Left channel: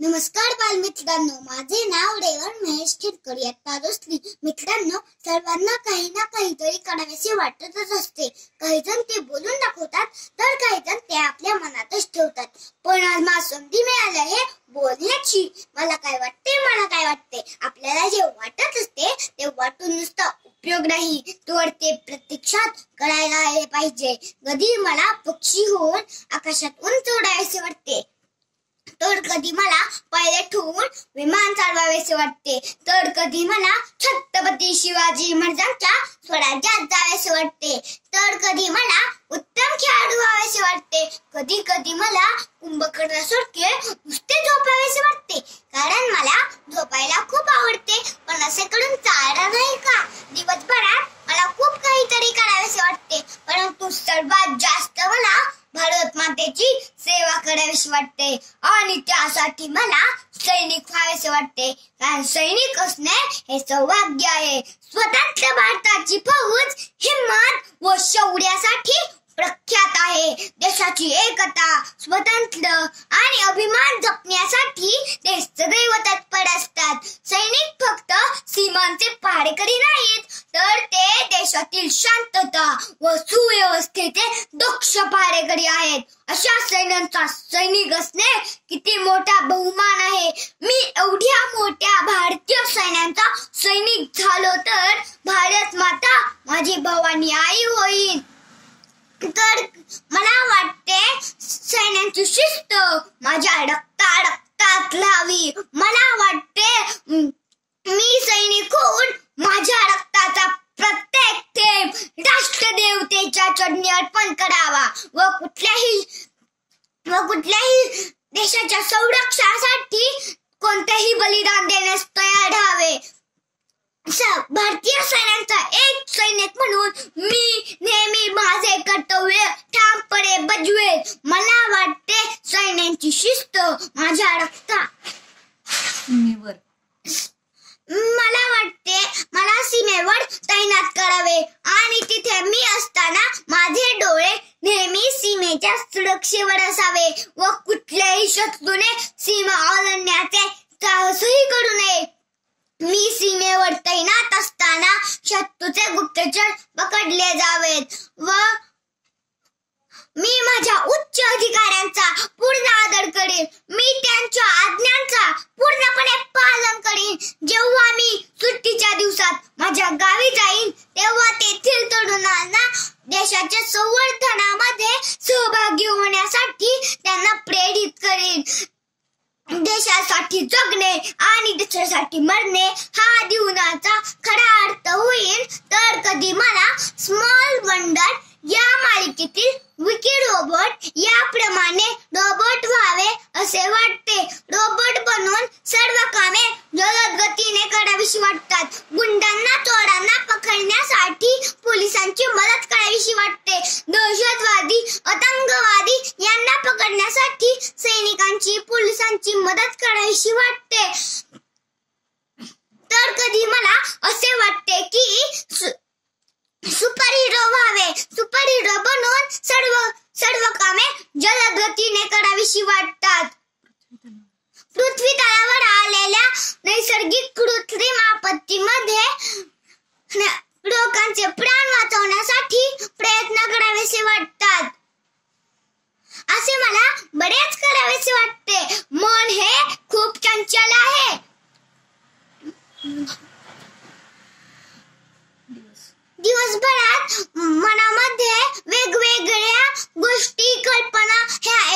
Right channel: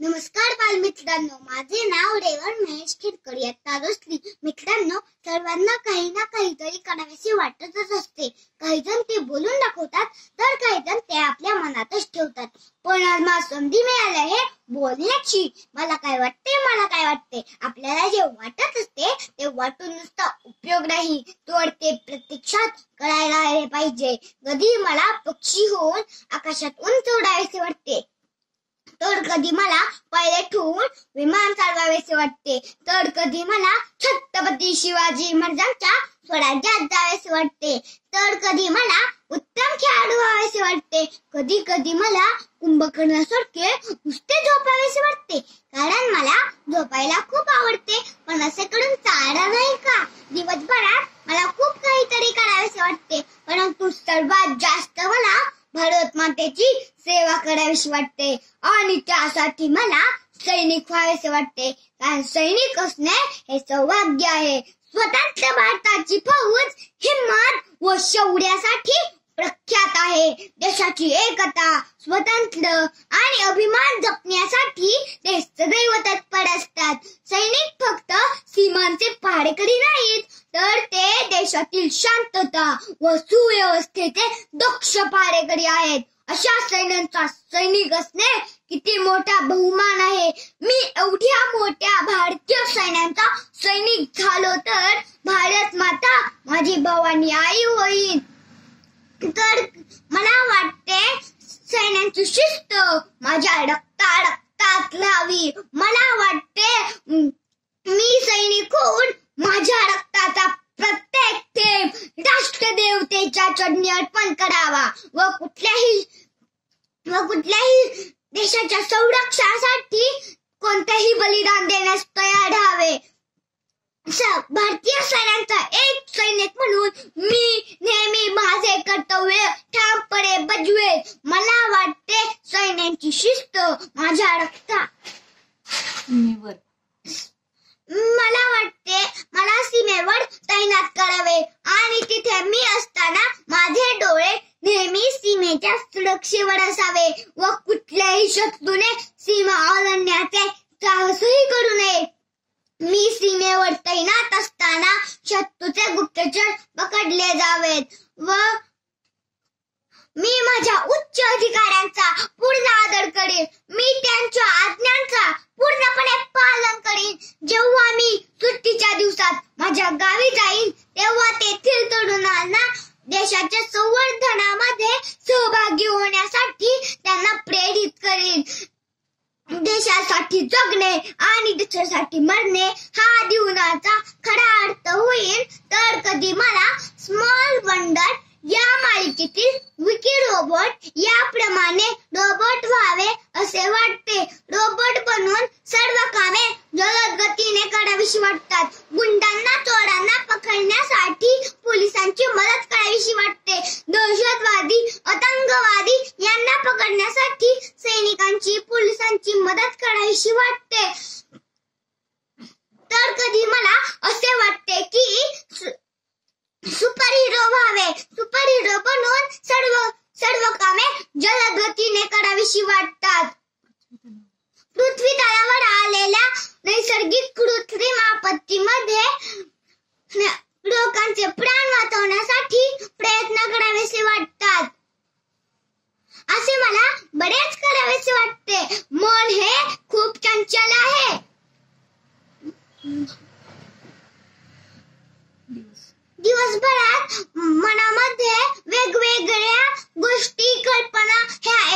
नमस्कार बालमित्रांनो, माझे नाव रेवण महेश खिरकर इयत्ता 2. मित्रांनो, सर्वांना काही ना काहीतरी करावेसे वाटतच असते. काही जण ते बोलून दाखवतात, तर काही जण ते आपल्या मनातच ठेवतात. पण आज मला संधी मिळाली आहे बोलण्याची. मला काय वाटते आपल्याला जे वाटत असते ते वाटून नुसता उपयोग नाही, तर ते प्रत्यक्षात करायला आले पाहिजे. कधी मला पक्षी होऊन आकाशात उंच उडायचे वाटते, तर कधी मला पायलट होऊन विमान चालवावेसे वाटते, तर कधी मला छत्रपती शिवाजी महाराजांच्या स्वराज्यात जावेसे वाटते, तर कधी मला उत्तम खेळाडू व्हावेसे वाटते. कधी कधी मला कुंभकर्णासारखे नुसते झोपावेसे वाटते, कारण मला झोपायला खूप आवडते. पण असे करून चालणार नाही का? दिवसभरात मला खूप काहीतरी करावेसे वाटते, परंतु सर्वात जास्त मला भारत मातेची सेवा करावीशी वाटते आणि त्यासाठी मला सैनिक व्हावेसे वाटते. कारण सैनिक असणे हे सौभाग्य आहे. स्वतंत्र भारताची फौज हिम्मत व शौर्यासाठी प्रख्यात आहे. देशाची एकता, स्वातंत्र्य आणि अभिमान जपण्यासाठी ते सदैव तत्पर असतात. सैनिक फक्त सीमांचे पहारेकरी नाहीत, तर ते देशातील शांतता व सुव्यवस्थेचे दक्ष पहारेकरी आहेत. अशा सैन्यांचा सैनिक असणे किती मोठा बहुमान आहे. मी एवढ्या मोठ्या भारतीय सैन्याचा सैनिक झालो तर भारत माता माझी भवानी आई होईल. तर मला वाटते सैन्याची शिस्त माझ्या रक्तात राहावी. मला वाटते मी सैनिक होऊन माझ्या रक्ताचा प्रत्येक थेंब राष्ट्रदेवतेच्या चरणी अर्पण करावा व कुठल्याही देशाच्या संरक्षणासाठी कोणतेही बलिदान देण्यास तयार राहावे. भारतीय सैन्याचा एक सैनिक म्हणून मी नेहमी माझे कर्तव्य ठामपणे बजावेन. मला वाटते सैन्याची शिस्त माझ्या सीमेवर मला वाटते मला सीमेवर तैनात करावे आणि तिथे मी असताना माझे डोळे नेहमी सीमेच्या सुरक्षेवर असावे व कुठल्याही शत्रूने सीमा ओलांडण्याचे साहसही करू नये. मी सीमेवर तैनात असताना शत्रूचे गुप्तचर पकडले जावेत व मी माझ्या उच्च अधिकाऱ्यांचा पूर्ण आदर करेन. मी त्यांच्या आज्ञांचा पूर्णपणे पालन करेन. जेव्हा मी सुट्टीच्या दिवसात माझ्या गावी जाईन, तेव्हा तेथील तरुणांना देशाच्या संवर्धनामध्ये सहभागी होण्यासाठी त्यांना प्रेरित करेन. देशासाठी जगणे आणि देशासाठी मरणे हा जीवनाचा खरा अर्थ होईल. तर कधी मला स्मॉल वंडर या मालिकेतील विकी रोबोट याप्रमाणे रोबोट व्हावे असे वाटते. रोबोट बनून सर्व कामे जलद गतीने करावीशी वाटतात. गुंडांना चोरांना पकडण्यासाठी पोलिसांची मदत करावीशी वाटते. दहशतवादी आतंकवादी यांना पकडण्यासाठी सैनिकांची पोलिसांची मदत करावीशी वाटते. तर कधी मला असे वाटते की सुपर हिरो व्हावे. सुपर हिरो बनून सर्व कामे जलद गतीने करावीशी वाटतात. पृथ्वी तलावर आलेल्या नैसर्गिक कृत्रिम आपत्तीमध्ये लोकांचे प्राण वाचवण्यासाठी प्रयत्न करावेसे वाटतात. असे मला बरेच करावेसे वाटते. मन हे खूप चंचल आहे. दिवसभरात मनामध्ये वेगवेगळ्या गोष्टी कल्पना ह्या